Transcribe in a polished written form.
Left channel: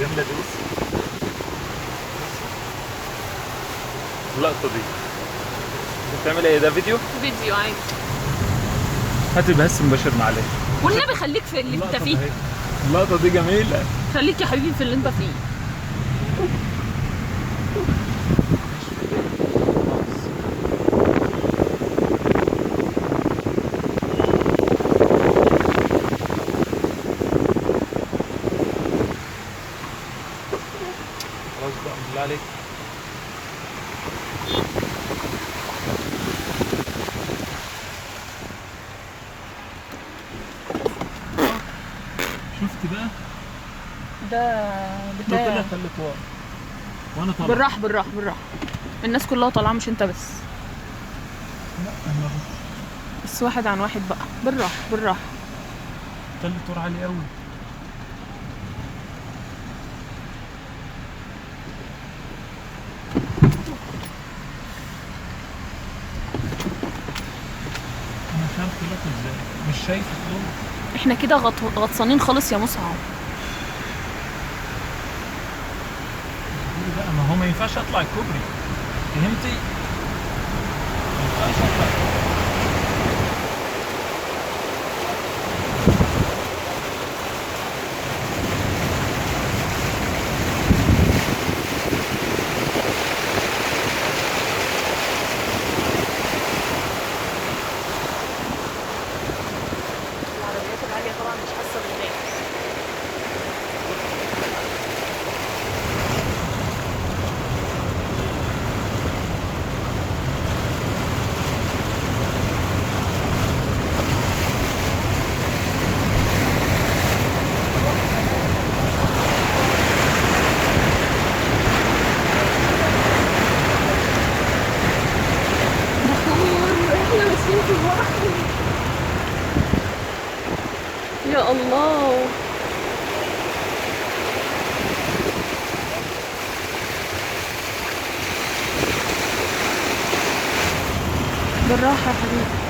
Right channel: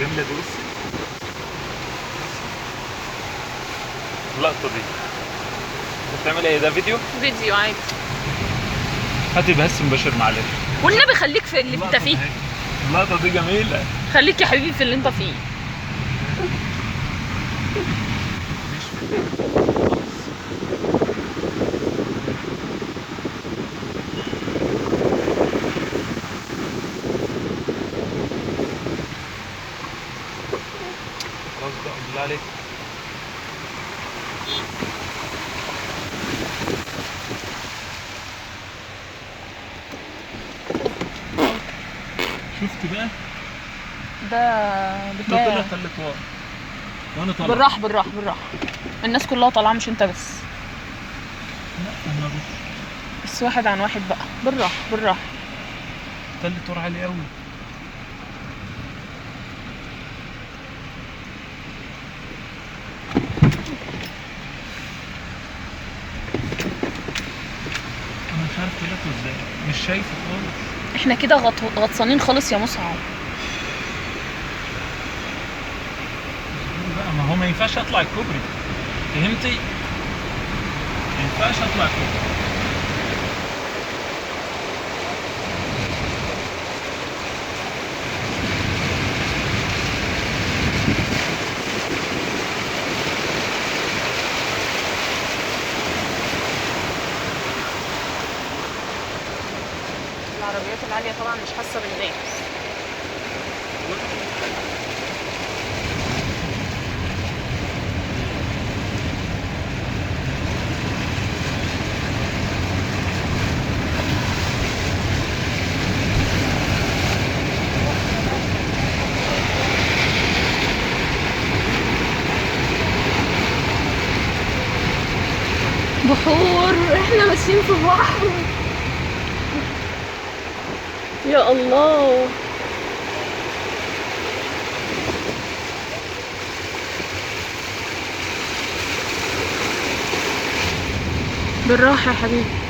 جميلة دي. بص اللقطة دي بتعمل ايه؟ ده فيديو؟ فيديو عادي. هاتي بس مباشر معلش. والنبي خليك في اللي انت فيه. اللقطة دي جميلة. خليك يا حبيبي في اللي انت فيه. خلاص بقى بالله عليك. شفت بقى؟ ده ده بتاع طلع تلت ورا وانا طالع. بالراحة بالراحة بالراحة. الناس كلها طالعة مش انت بس. لا انا بس واحد عن واحد بقى، بالراحة بالراحة. تلت ورا عالي قوي. انا مش عارف طلعته ازاي، مش شايفه خالص. احنا كده غطسانين خالص يا مصعب. بقى ما هو ما ينفعش اطلع الكوبري، فهمتي؟ ما ينفعش اطلع الكوبري. العربيات العالية طبعا مش حاسة بالناس. بحور احنا ماشيين في البحر. يا الله. بالراحة يا حبيبي.